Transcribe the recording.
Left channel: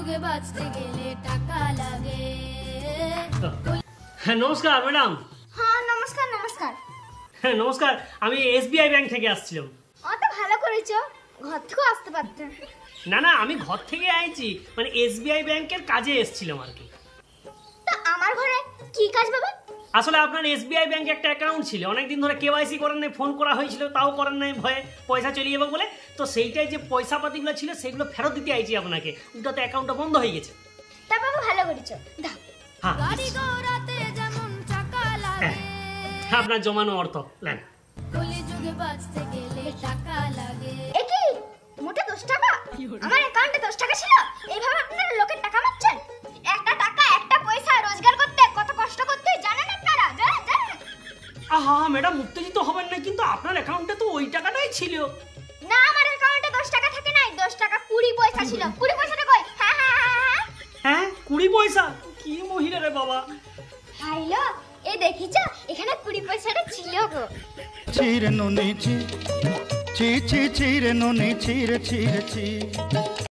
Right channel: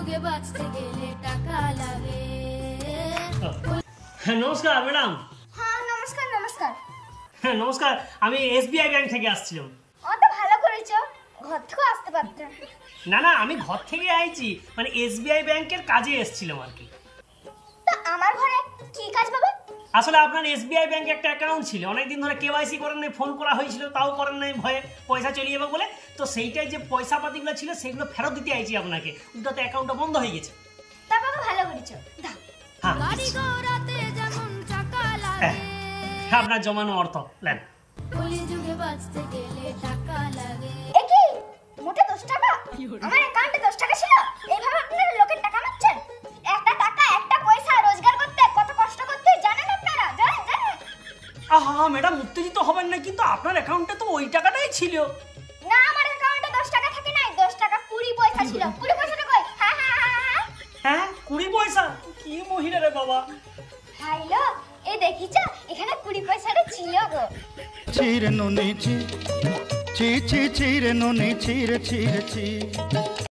যুগে বাঁচতে গেলে টাকা লাগে। নমস্কার ম্যাডাম। হ্যাঁ নমস্কার নমস্কার। হ্যাঁ নমস্কার, আমি এসবিআই ব্যাংক থেকে আসছিলাম। অত ভালো করেছো, ঘর থেকে আসতে পারতে। না না, আমি ঘর থেকে আইছি, মানে এসবিআই ব্যাংকের কাজে এসেছিলাম আর কি। তা আমার ঘরে কি কাজ বাবা? আসলে আপনার এসবিআই ব্যাংকে একটা অ্যাকাউন্ট ছিল, অনেকদিন ধরে কেওয়াইসি করেন নাই, ফোন করা হয়েছিল তাও করেন নাই, ভয়ে পয়সা চলে যাবে বলে। তো সেইটাই যে পয়সা পাতিগুলো ছিল সেগুলো ফেরত দিতে আইছি আপনাকে, ওটাতে অ্যাকাউন্টটা বন্ধ হয়ে গেছে। তা বাবা ভালো করেছো, দাও। হ্যাঁ গাড়ি ঘোড়াতে যেমন টাকা লাগে, আপনার জমানো অর্থ নেন। কলি যুগে বাঁচতে গেলে টাকা লাগে। এ কি মোটে 10 টাকা? আমার অ্যাকাউন্টে 10 টাকা ছিল। এইভাবে আপনারা লোকের টাকা মারছেন? একটা টাকা একটা পয়সা রোজগার করতে কত কষ্ট করতে জানেন আপনারা? জানেন জানেন? আহা ম্যাডাম, উত্তেজিত হবেন না, কিন্তু আপনার অ্যাকাউন্টে তো ওই টাকাটাই ছিল। না আমার অ্যাকাউন্টে 10 টাকা থাকে নাই, 10 টাকা 20 পয়সা ছিল। 20 পয়সাটা কই? হ্যাঁ হ্যাঁ হ্যাঁ। হ্যাঁ 20 পয়সা? কি মহিলা রে বাবা। হ্যালো, এ দেখিছো এখানে 20 পয়সাটা ছিল গো। চিরে নুনি চি চি চি চিরে নুনি চিরে চিরে চি।